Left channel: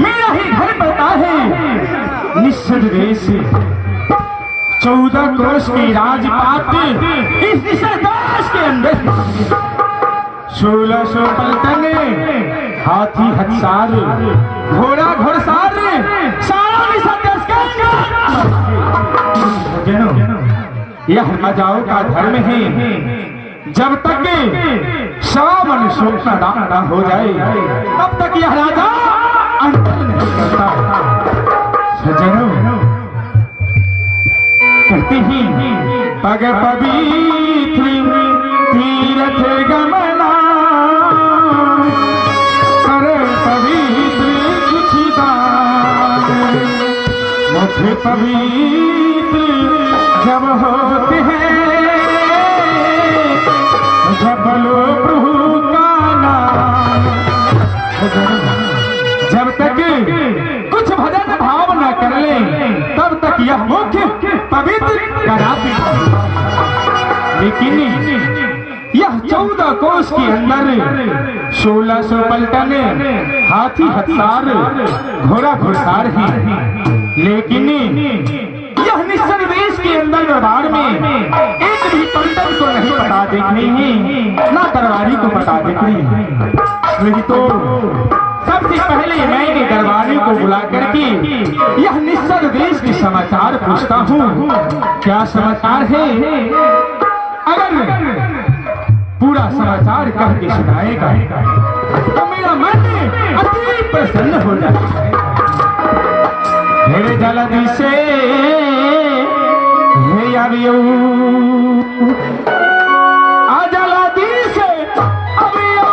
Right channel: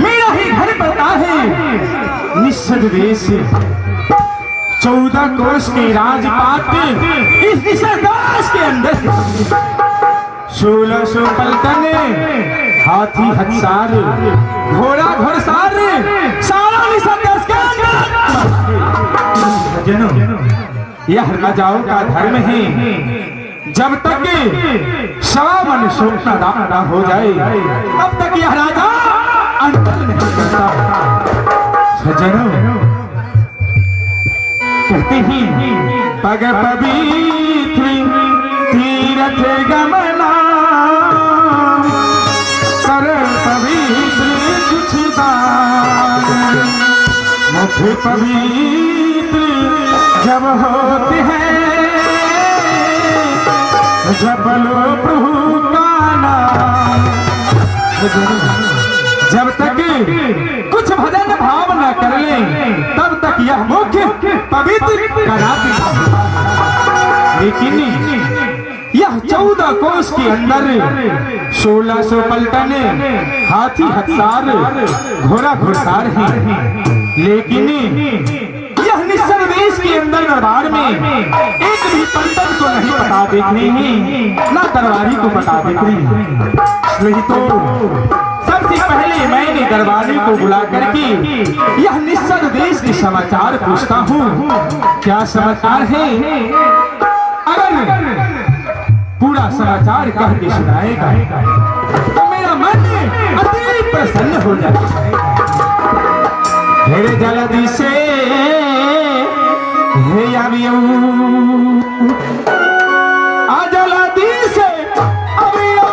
मेरा ही घर पड़ता है निश्चित वेश 14 कोष की राजपाट इस निषेधाश के अंदर 1600 पलटन हाथी हथियार घोड़ा घोड़सार सारा निषेधाश के अंदर यह राजाओं का धर्म है। जब तक श्रावण शुक्ल न हो जाए तब तक यह राजा अंतर नहीं करता। करती ही पग पवित्र तीरथ गमना कर पवित्र कुछ दान मुख पवित्र जब होते हैं जब लो प्रभु का नाम। जब तक कुछ भजन भाव न कर ले तब तक यह मुख पवित्र कराती। लेकिन यह 14 कोष के अंदर 1600 पलटन हाथी हथियार घोड़ा घुड़सार है। लेकिन यह निश्चल देश के अंदर दरबार में एक भी पलटन को नहीं पता देखने ही ना दरबारी को पता देखने। तो सबसे पहले मैंने दरबारी को बुला करके यह निश्चल देश के समाचार पूछता हूँ, क्या समाचार है। अगर पूरा समाचार कह के सुनाएगा तो मेरा मन अति प्रसन्न हो जाएगा। हेरे जल्दी से हे अभियो आ जल्दी से अभियो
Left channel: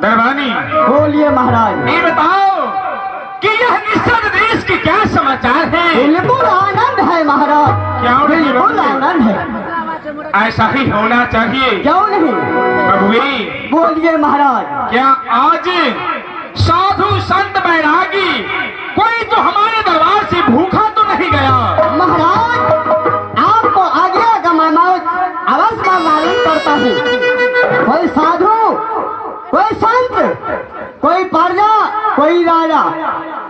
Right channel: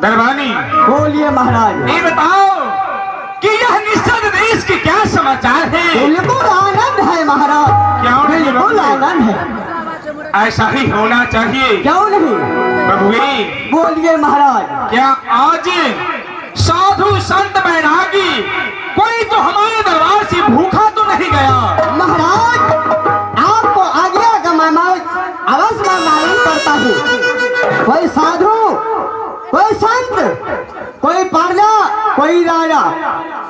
दरबानी बोलिए महाराज। ये बताओ कि यह निषद देश के क्या समाचार है? बिल्कुल आनंद है महाराज, क्यों नहीं बिल्कुल बाबू? आनंद है। ऐसा ही होना चाहिए। क्यों नहीं? प्रभुए बोलिए महाराज। क्या आज साधु संत बैरागी कोई तो हमारे दरबार से भूखा तो नहीं गया? महाराज आपको आज्ञा का मैं अवश्य मालूम करता हूँ। कोई साधु, कोई संत, कोई प्रजा, कोई राजा,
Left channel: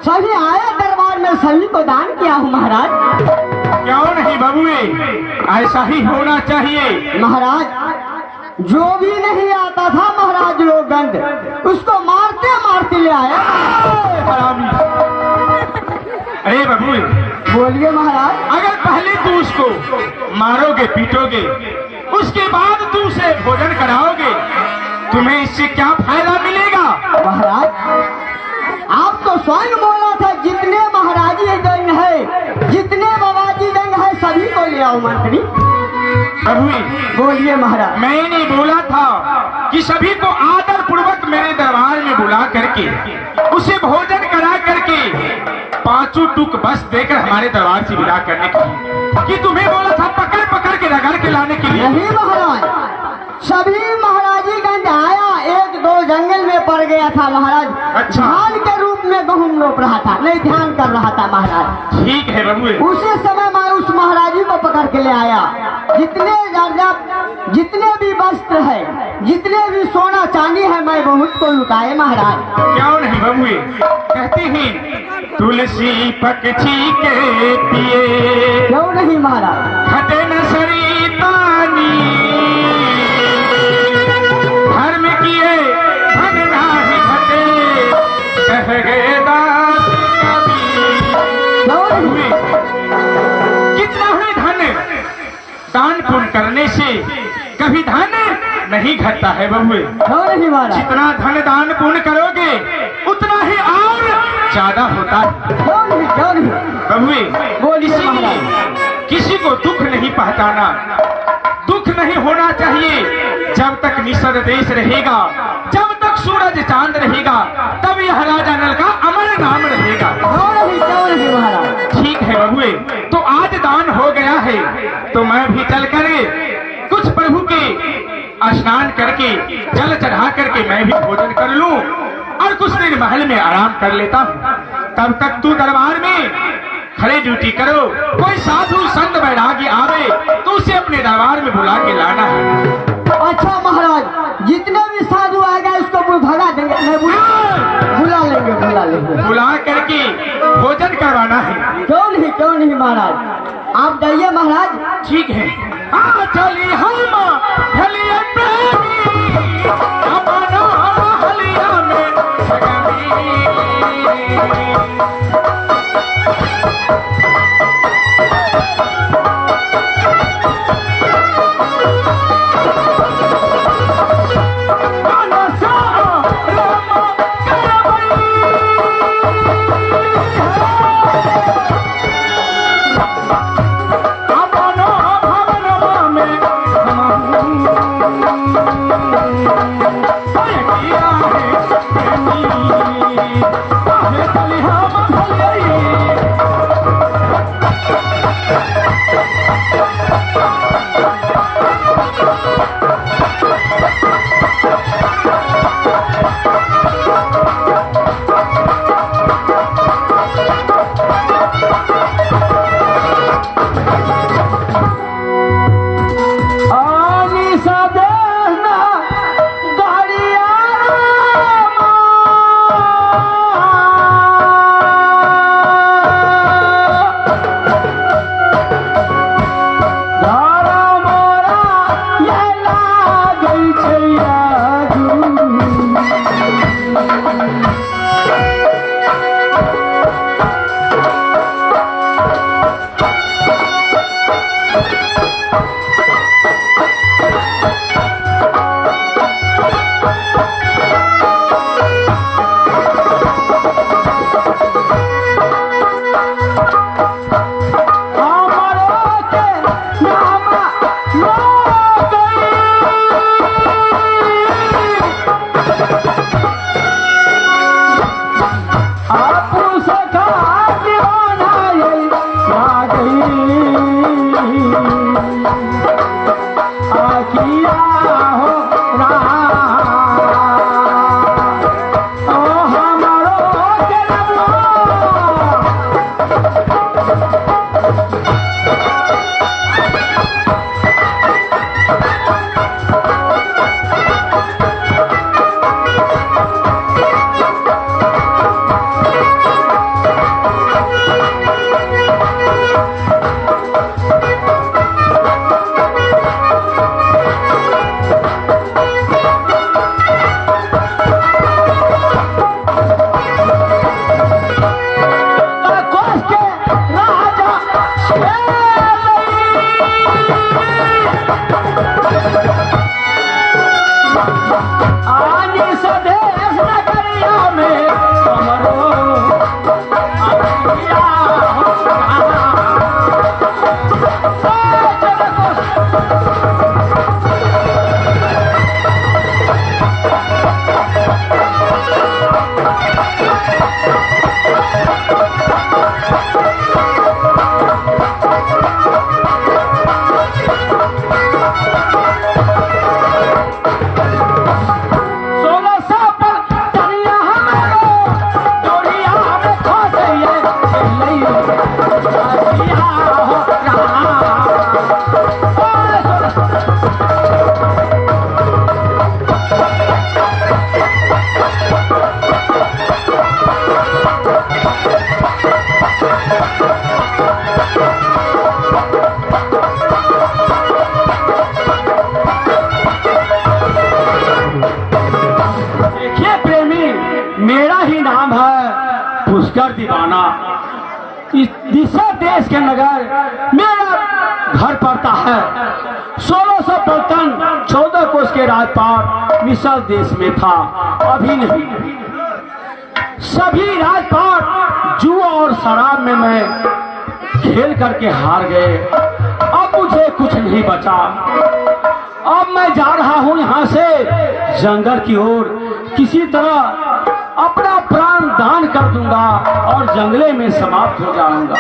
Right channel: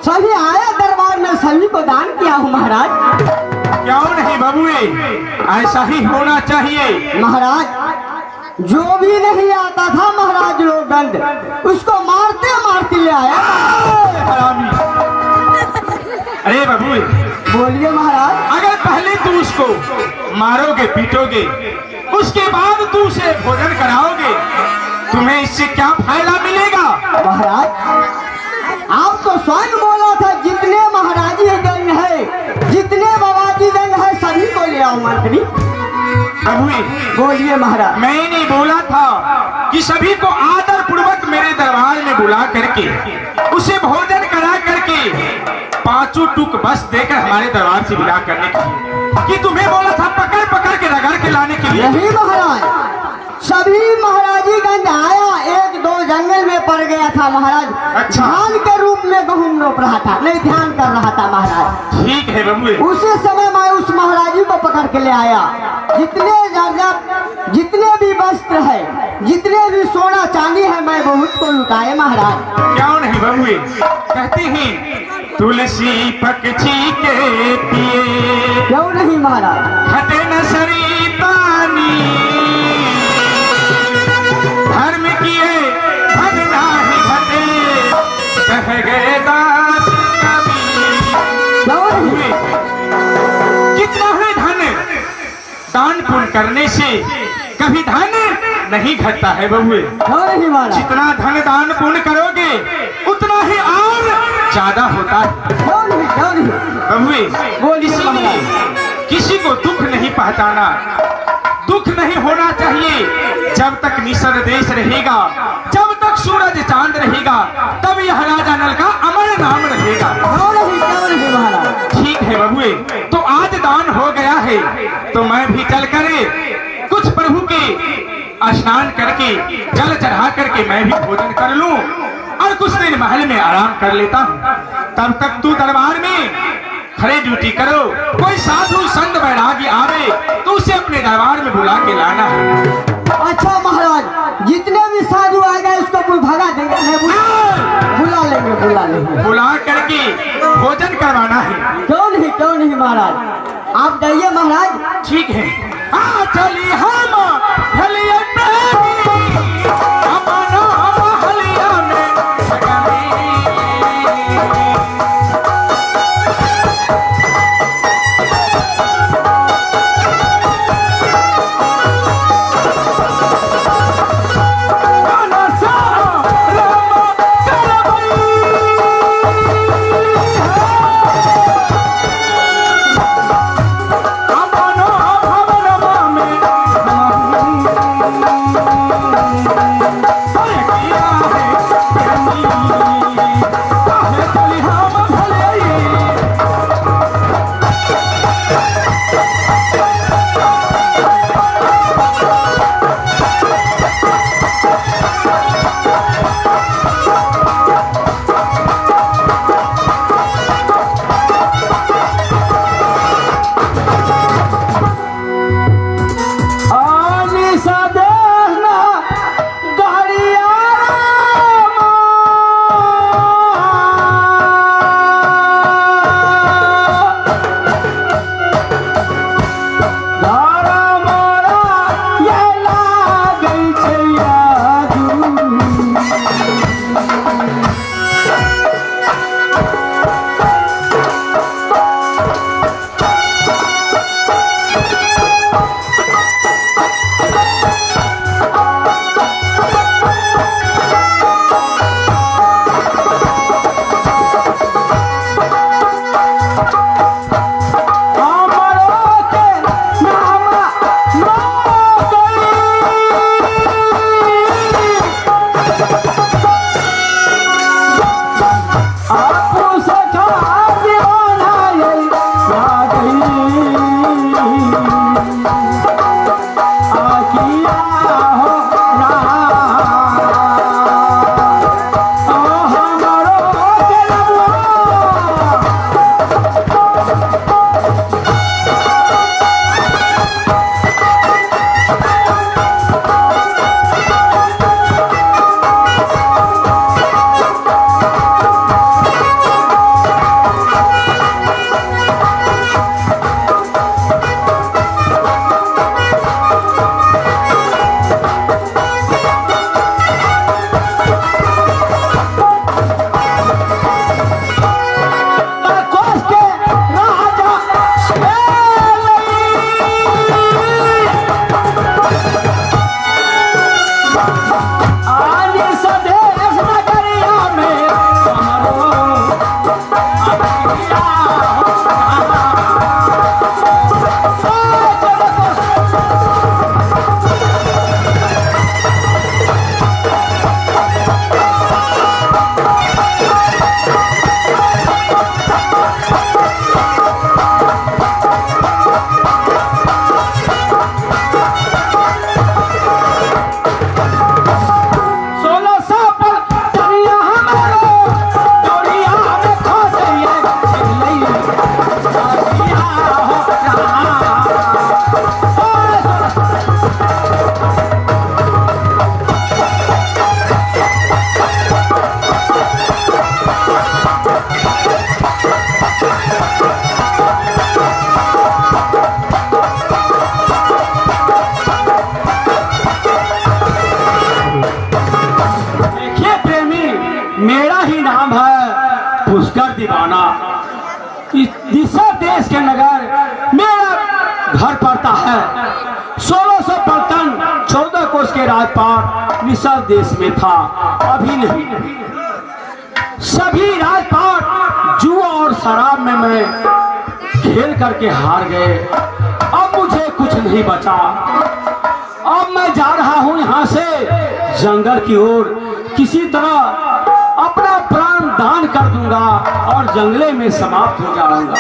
सभी आए दरबार में, सभी को दान किया हूँ महाराज। क्यों नहीं बबुए, ऐसा ही होना चाहिए। महाराज जो भी नहीं आता था महाराज लोगंद, उसको मारते मारते ले आया। हरामी। अरे बबुए बोलिए महाराज। अगर पहले तू उसको मारोगे पीटोगे, उसके बाद तू उसे भोजन कराओगे, तुम्हें इससे क्या फायदा मिलेगा? महाराज आप तो स्वयं बोला था जितने महाराजी गंग है, जितने बाबाजी गंग है, सभी को ले आओ मंत्री। बबुए बोलिए महाराज। मैंने बोला था कि सभी को आदर पूर्वक मेरे दरबार में बुला करके उसे भोजन करा करके 5 टुक बस देकर हमारे दरबार से विदा करने के लिए, कि तुम्हें बोला था पकड़ पकड़ के रगड़ के लाने के लिए। नहीं महाराज, सभी महाराजी गंज आया, 1-2 जंगल में पड़ गया था महाराज। अच्छा। धान के रूप में गहूम रोप रहा था, नहीं ध्यान कर रहा था महाराज। ठीक है बबुए। उसी समय मैं उस महाराजी को पकड़ के ले आया। जितने जितने भी वस्त्र है, जितने भी सोना चांदी है, मैं बहुत को लुटाए महाराज। क्यों नहीं बबुए, कहते हैं तुलसी पक्षी के पिए, क्यों नहीं महाराज? घटे न सरी पानी, धर्म किए धन नाही घटे, कह गए दास कबीर। क्यों नहीं? कितना है धन, दान पुण्य करने से कभी धन नहीं घटता है बबुए। क्यों नहीं महाराज? जितना धन दान पुण्य करोगे उतना ही और ज्यादा होता है क्यों नहीं? क्यों नहीं? बबुए। बोलिए इसीलिए किसी को दुख नहीं पहुंचाना, दुख नहीं होना चाहिए। जब तक निषद देश रहेगा, जब तक सूरज चांद रहेगा, तब यह राजा नल का अमर नाम रहेगा। क्यों नहीं? क्यों नहीं महाराज? ठीक है बबुए, तो आज दान हो गया है तो मैं भी चल कर कुछ प्रभु के स्नान करके जल चढ़ा करके मैं भी भोजन कर लूं और कुछ दिन महल में आराम कर लेता हूं। तब तक तू दरबार में खड़े ड्यूटी करो। कोई साधु संत बैरागी आवे तो उसे अपने दरबार में बुला के लाना है। अच्छा महाराज, जितने भी साधु आ गए उसको कोई भगा देंगे, बुला लेंगे, बुला लेंगे। बुला करके भोजन करवाना है। क्यों नहीं? क्यों नहीं महाराज? आप जाइए महाराज। ठीक है। आ चली हम हलिया प्रेमी, अपनो हम हलिया में सगनी। मेरा ही नाम है पुष्कर दीवाना। इस दिशा देश के नगर मेरा घर पड़ता है। 1600 पलटन 14 कोस के राजपाट निशा देश में था, अभी नहीं। सभी राजपाट जुआ और शराब में मैं खेल करके हार गए। अब मुझे कुछ नहीं बचा। अब मैं जा रहा हूं यहां से जंगल की ओर। किसी तरह अपना प्राण दान कर दूंगा और जंगले में समाप्त हो जाऊंगा।